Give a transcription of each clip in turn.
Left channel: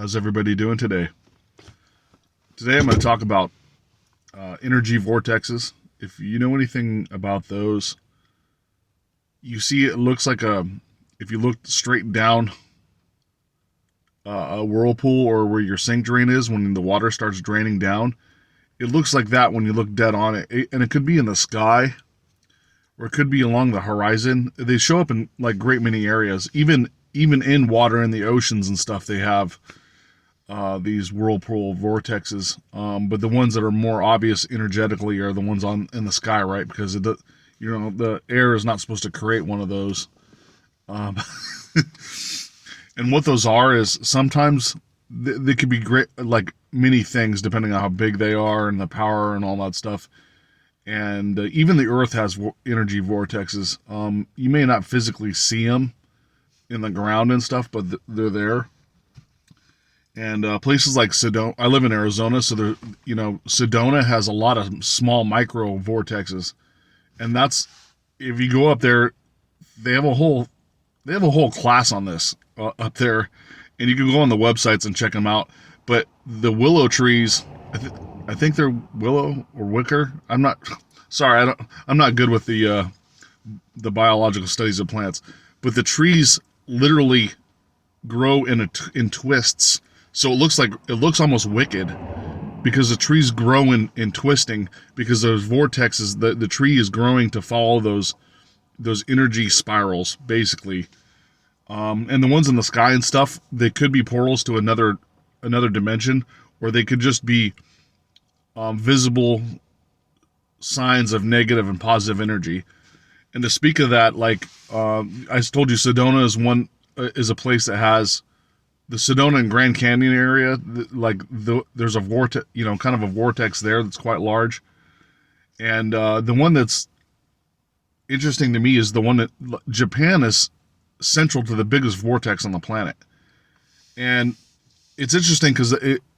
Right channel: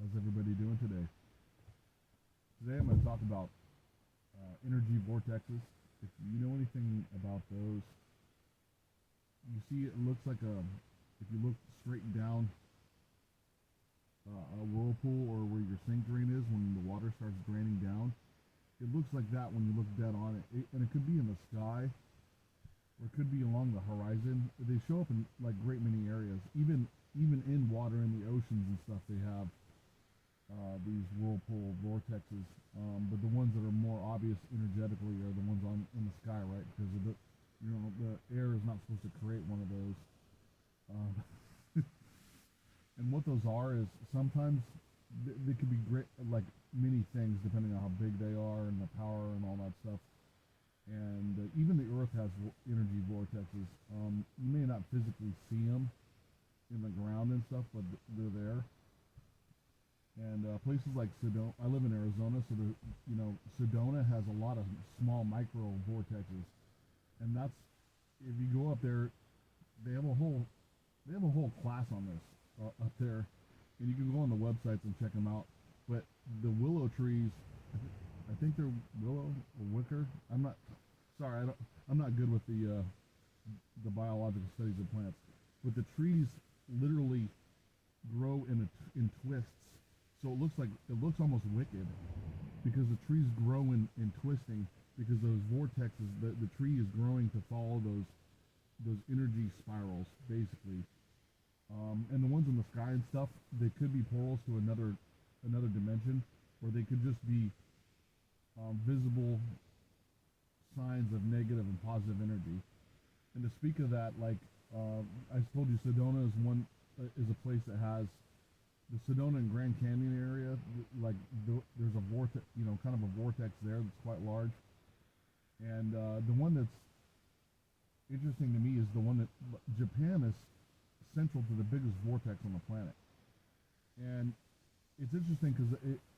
How's everybody doing today? Today I'm going to talk about energy vortexes. If you know anything about those, you see it looks like if you look straight down a whirlpool or where your sink drain is when the water starts draining down, it looks like that when you look dead on it. And it could be in the sky or it could be along the horizon. They show up in like great many areas, even in water in the oceans and stuff. They have these whirlpool vortexes. But the ones that are more obvious energetically are the ones on in the sky, right? Because the air is not supposed to create one of those. Um, and what those are is sometimes they could be great, like many things, depending on how big they are and the power and all that stuff. And even the Earth has energy vortexes. You may not physically see them in the ground and stuff, but they're there. And places like Sedona, I live in Arizona, so Sedona has a lot of small micro vortexes, and that's if you go up there, they have a whole class on this up there, and you can go on the websites and check them out. But the willow trees, I think they're willow or wicker. I'm not sorry, I'm not good with the biological studies of plants, but the trees literally grow in twists. So it looks almost wicked because the trees grow in twisting because those vortexes, the tree is growing to follow those energy spirals basically. And the ones in the sky and stuff, they could be portals to another dimension, or they could just be visible signs of negative and positive energy. And to speak of that, like I told you, Sedona is a place that has the Sedona and Grand Canyon area. There's a vortex, kind of a vortex there that's quite large. And the one that's interesting to me is the one that Japan is central to the biggest vortex on the planet. And it's interesting because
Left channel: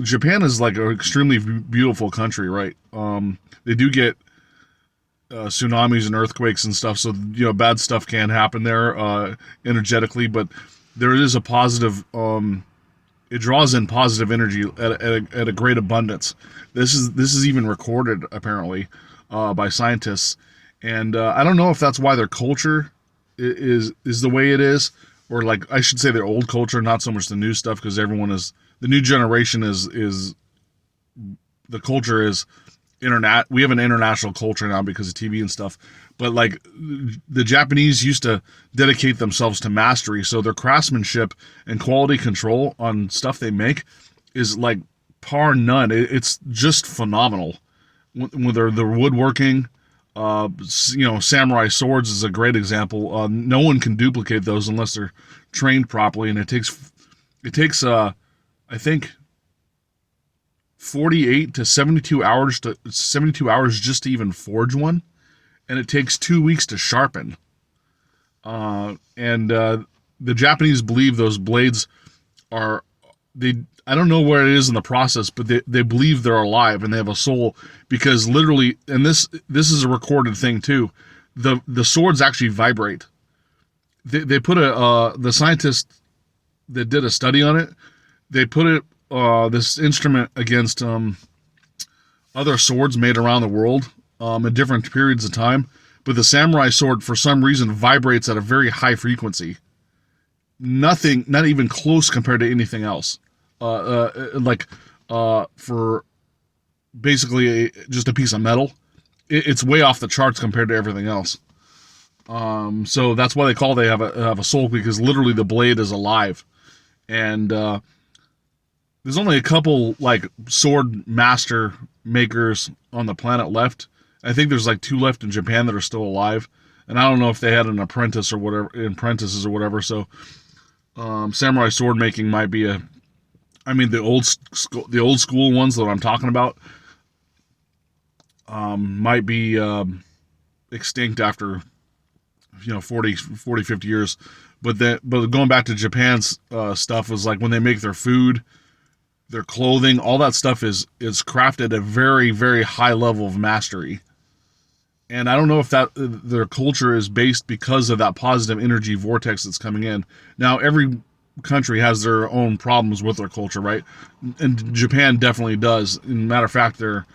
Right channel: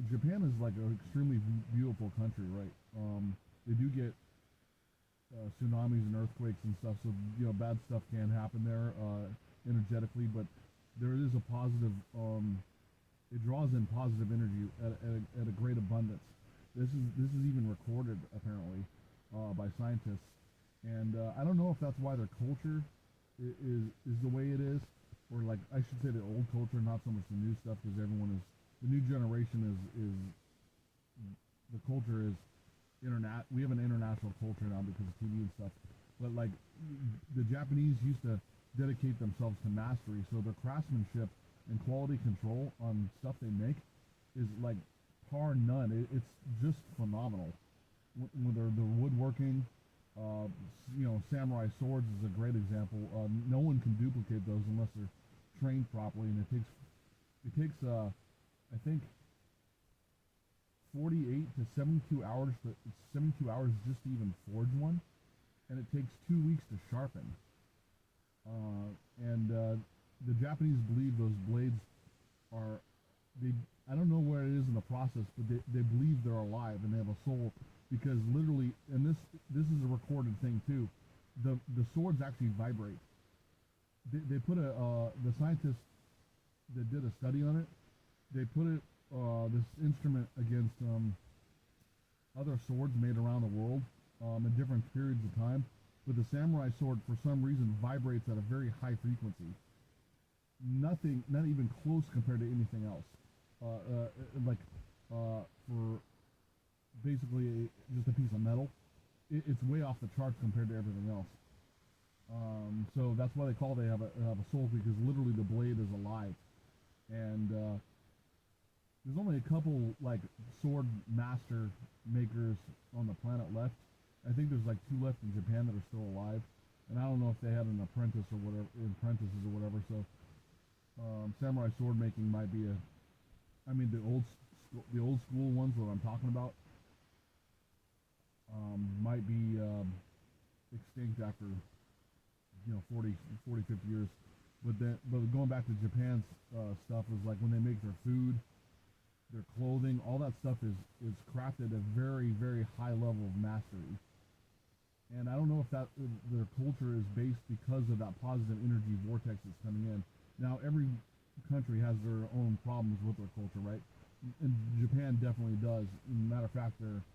Japan is like an extremely beautiful country, right? They do get tsunamis and earthquakes and stuff, so bad stuff can happen there energetically, but there is a positive. It draws in positive energy at a great abundance. This is even recorded apparently by scientists, and I don't know if that's why their culture is the way it is, or like I should say their old culture, not so much the new stuff, because the new generation is the culture is internet. We have an international culture now because of TV and stuff. But like the Japanese used to dedicate themselves to mastery, so their craftsmanship and quality control on stuff they make is like par none. It's just phenomenal. With their woodworking, samurai swords is a great example. No one can duplicate those unless they're trained properly, and it takes I think 48 to 72 hours just to even forge one, and it takes 2 weeks to sharpen. And the Japanese believe those blades are they. I don't know where it is in the process, but they believe they're alive and they have a soul because literally, and this is a recorded thing too. The swords actually vibrate. They put the scientist that did a study on it. They put this instrument against other swords made around the world at different periods of time, but the samurai sword for some reason vibrates at a very high frequency. Nothing, not even close compared to anything else. For basically just a piece of metal, it's way off the charts compared to everything else. So that's why they have a soul, because literally the blade is alive, and there's only a couple like sword master makers on the planet left. I think there's like 2 left in Japan that are still alive, and I don't know if they had an apprentices or whatever. So samurai sword making might be the old school ones that I'm talking about might be extinct after 40, 50 years. But going back to Japan's stuff was like when they make their food, their clothing, all that stuff is crafted at a very, very high level of mastery. And I don't know if that their culture is based because of that positive energy vortex that's coming in. Now, every country has their own problems with their culture, right? And Japan definitely does. And matter of fact, they're,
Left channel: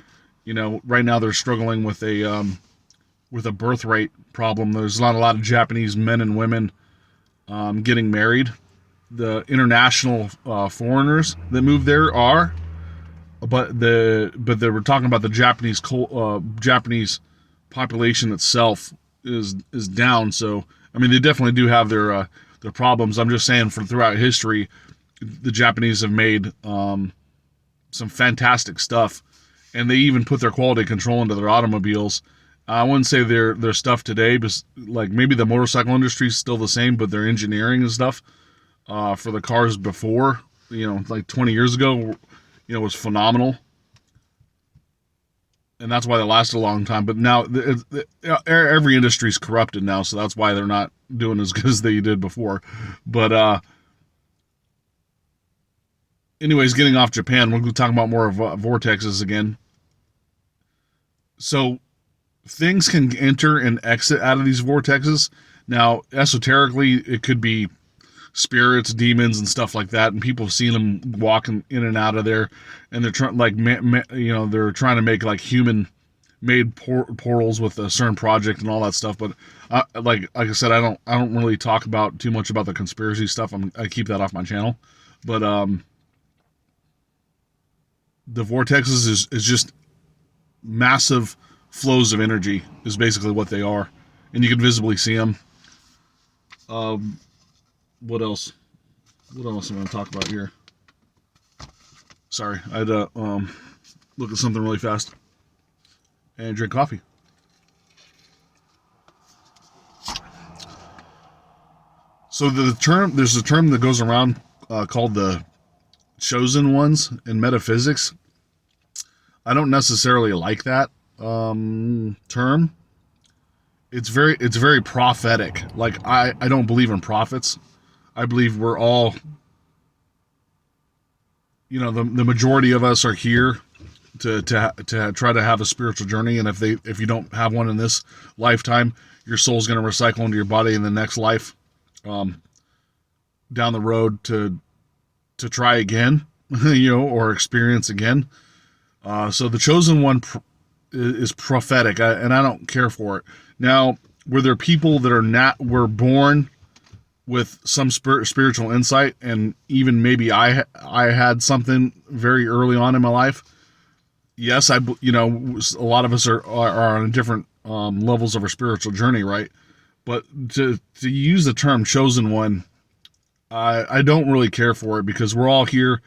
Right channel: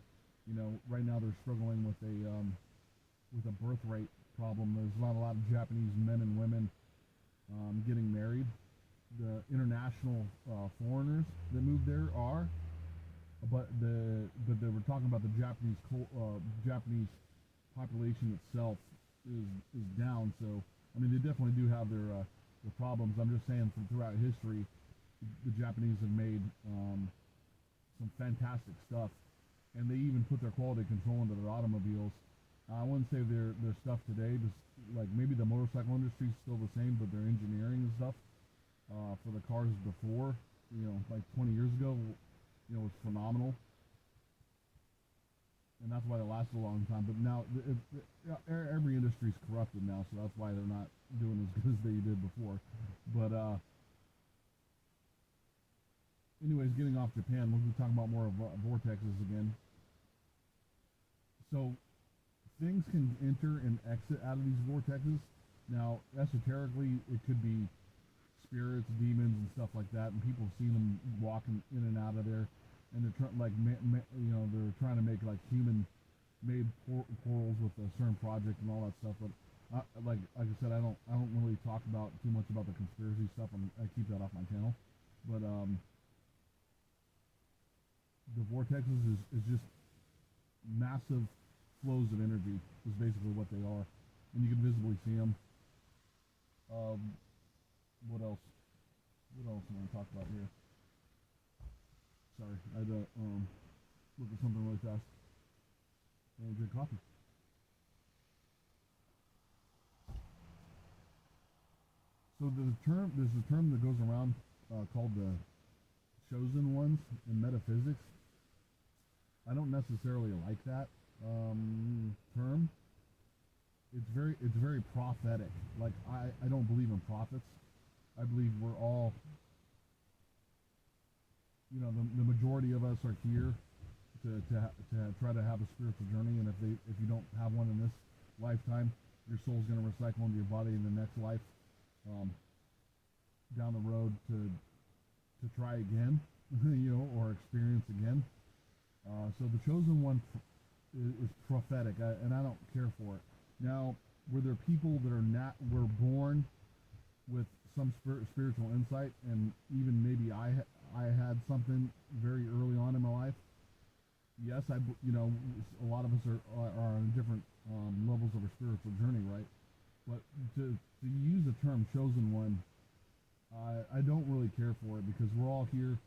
right now they're struggling with a birth rate problem. There's not a lot of Japanese men and women getting married. The international foreigners that move there are, but they were talking about the Japanese population itself is down. So I mean, they definitely do have their problems. I'm just saying, for throughout history, the Japanese have made some fantastic stuff, and they even put their quality control into their automobiles. I wouldn't say their stuff today, but like maybe the motorcycle industry is still the same, but their engineering and stuff for the cars before, like 20 years ago, was phenomenal, and that's why they lasted a long time. But now every industry is corrupted now, so that's why they're not doing as good as they did before. But anyways, getting off Japan, we're going to talk about more of vortexes again. So things can enter and exit out of these vortexes. Now, esoterically, it could be spirits, demons, and stuff like that, and people have seen them walking in and out of there, and they're trying they're trying to make like human made portals with a certain project and all that stuff. But like I said, I don't really talk about too much about the conspiracy stuff. I keep that off my channel. But the vortexes is just massive flows of energy is basically what they are, and you can visibly see them. What else? What else am I going to talk about here? Sorry, I had to look at something really fast and drink coffee. So there's a term that goes around called the chosen ones in metaphysics. I don't necessarily like that term. It's very prophetic. Like I don't believe in prophets. I believe we're all, the majority of us are here to try to have a spiritual journey, and if you don't have one in this lifetime, your soul's going to recycle into your body in the next life, down the road to try again, or experience again. So the chosen one is prophetic, and I don't care for it. Now, were there people that were born with some spiritual insight, and even maybe I had something very early on in my life? Yes, a lot of us are on different levels of our spiritual journey, right? But to use the term chosen one, I don't really care for it, because we're all here.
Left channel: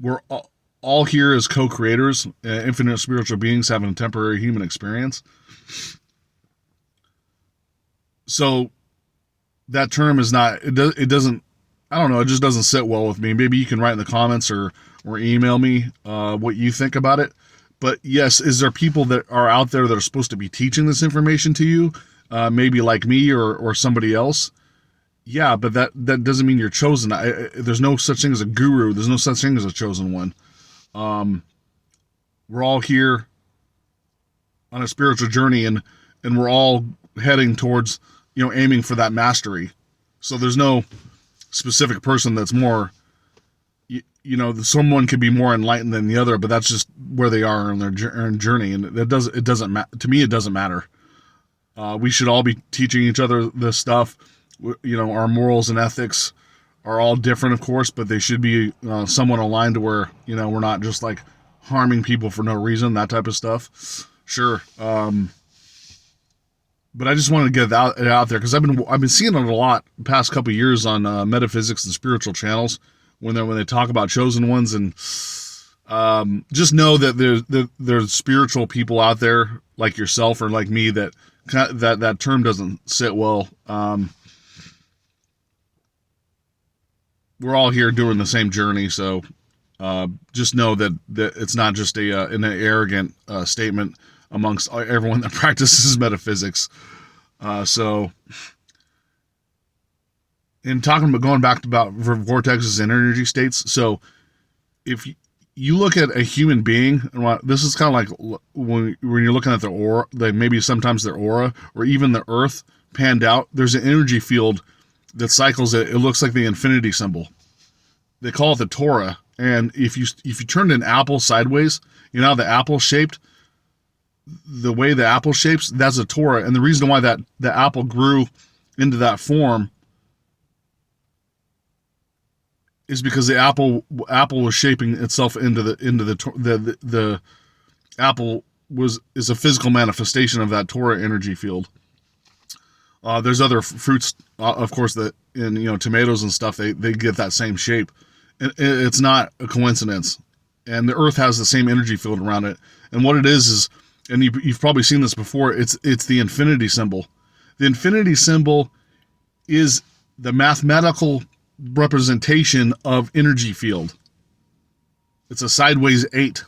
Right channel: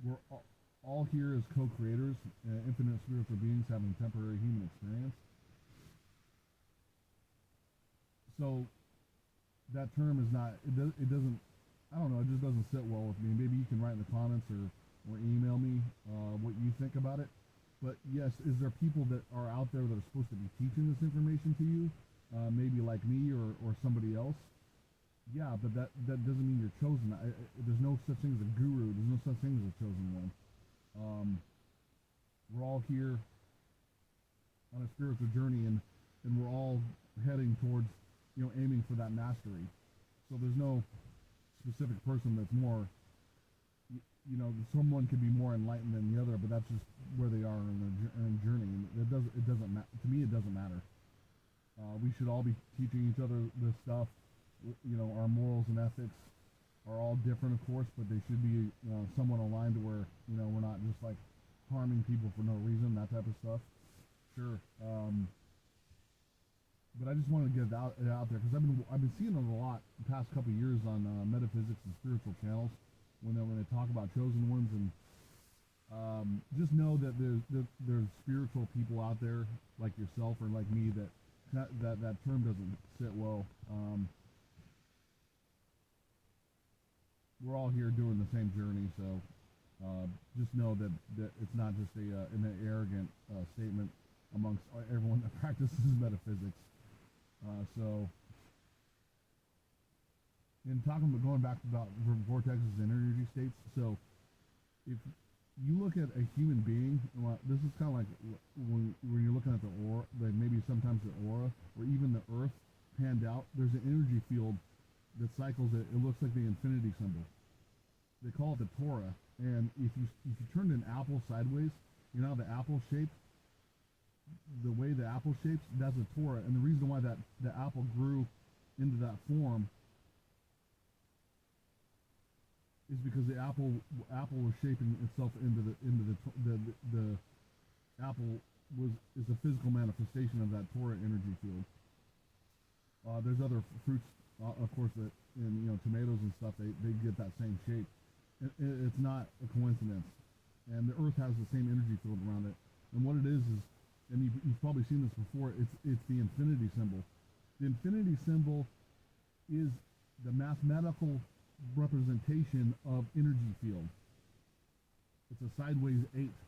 We're all here as co-creators, infinite spiritual beings having a temporary human experience. So that term is not, it doesn't, I don't know, it just doesn't sit well with me. Maybe you can write in the comments or email me what you think about it. But yes, is there people that are out there that are supposed to be teaching this information to you? Maybe like me or somebody else. Yeah, but that doesn't mean you're chosen. There's no such thing as a guru. There's no such thing as a chosen one. We're all here on a spiritual journey, and we're all heading towards, aiming for that mastery. So there's no specific person that's more, someone could be more enlightened than the other, but that's just where they are in their journey, and it doesn't to me, it doesn't matter. We should all be teaching each other this stuff. Our morals and ethics are all different, of course, but they should be somewhat aligned to where, we're not just like harming people for no reason, that type of stuff. Sure. But I just wanted to get it out there, because I've been seeing it a lot the past couple of years on metaphysics and spiritual channels when they talk about chosen ones, and just know that there's spiritual people out there like yourself or like me that term doesn't sit well. We're all here doing the same journey, so just know that it's not just an arrogant statement amongst everyone that practices metaphysics. So, in talking about going back about vortexes and energy states, so if you look at a human being, and this is kind of like when you're looking at their aura, like maybe sometimes their aura or even the Earth panned out, there's an energy field that cycles it. It looks like the infinity symbol. They call it the Torah. And if you turned an apple sideways, you know how the apple shaped, the way the apple shapes, that's a Torah. And the reason why that the apple grew into that form is because the apple was shaping itself into the apple is a physical manifestation of that Torah energy field. There's other fruits, of course, that in tomatoes and stuff they get that same shape. It's not a coincidence, and the Earth has the same energy field around it. And what it is, and you've probably seen this before. It's the infinity symbol. The infinity symbol is the mathematical representation of energy field. It's a sideways 8.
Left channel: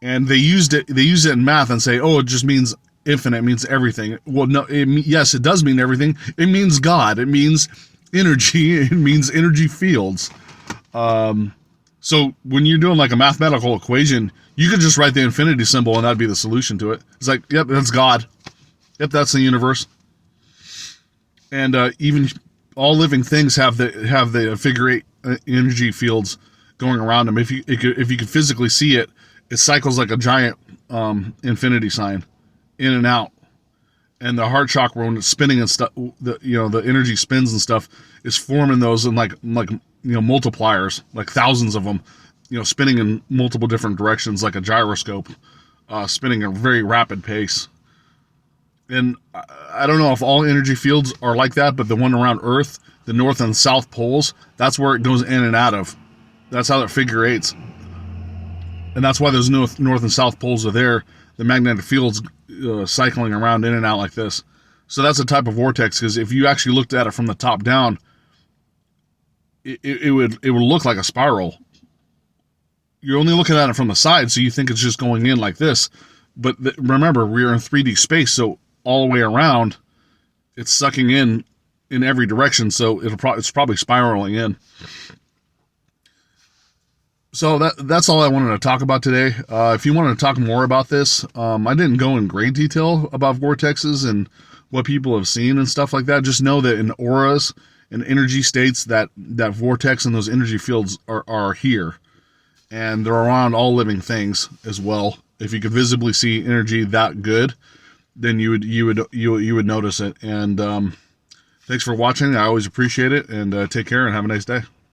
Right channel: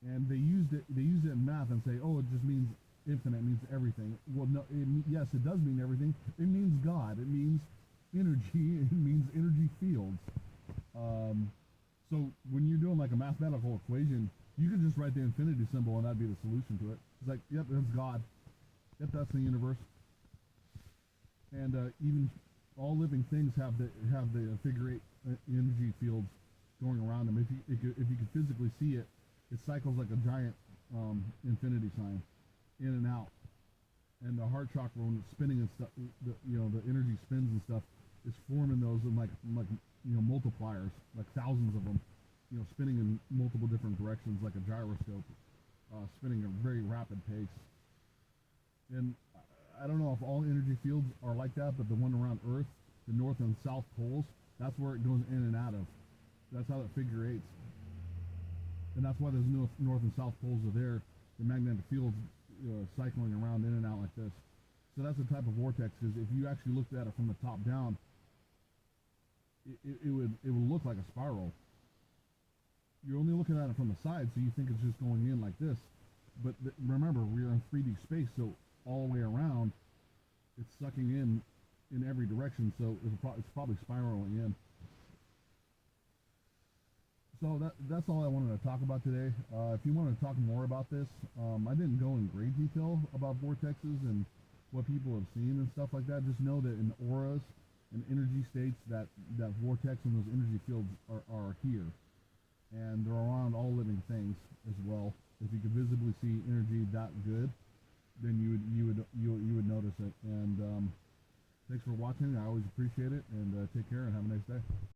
And they use it in math and say, oh, it just means infinite, it means everything. Well, no, yes, it does mean everything. It means God. It means energy. It means energy fields. So when you're doing like a mathematical equation, you could just write the infinity symbol and that'd be the solution to it. It's like, yep, that's God. Yep, that's the universe. And even all living things have the figure 8 energy fields going around them. If you could physically see it, it cycles like a giant infinity sign, in and out. And the heart chakra, when it's spinning and stuff, the energy spins and stuff, is forming those in like multipliers, like thousands of them, spinning in multiple different directions, like a gyroscope, spinning at a very rapid pace. And I don't know if all energy fields are like that, but the one around Earth, the north and south poles, that's where it goes in and out of. That's how it figure 8s. And that's why those north and south poles are there. The magnetic field's cycling around in and out like this. So that's a type of vortex, because if you actually looked at it from the top down, it would look like a spiral. You're only looking at it from the side, so you think it's just going in like this. But remember, we're in 3D space, so all the way around, it's sucking in every direction. So it's probably spiraling in. So that's all I wanted to talk about today. If you wanted to talk more about this, I didn't go in great detail about vortexes and what people have seen and stuff like that. Just know that in auras and energy states, that vortex and those energy fields are here, and they're around all living things as well. If you could visibly see energy that good, then you would notice it. And thanks for watching. I always appreciate it. And take care and have a nice day.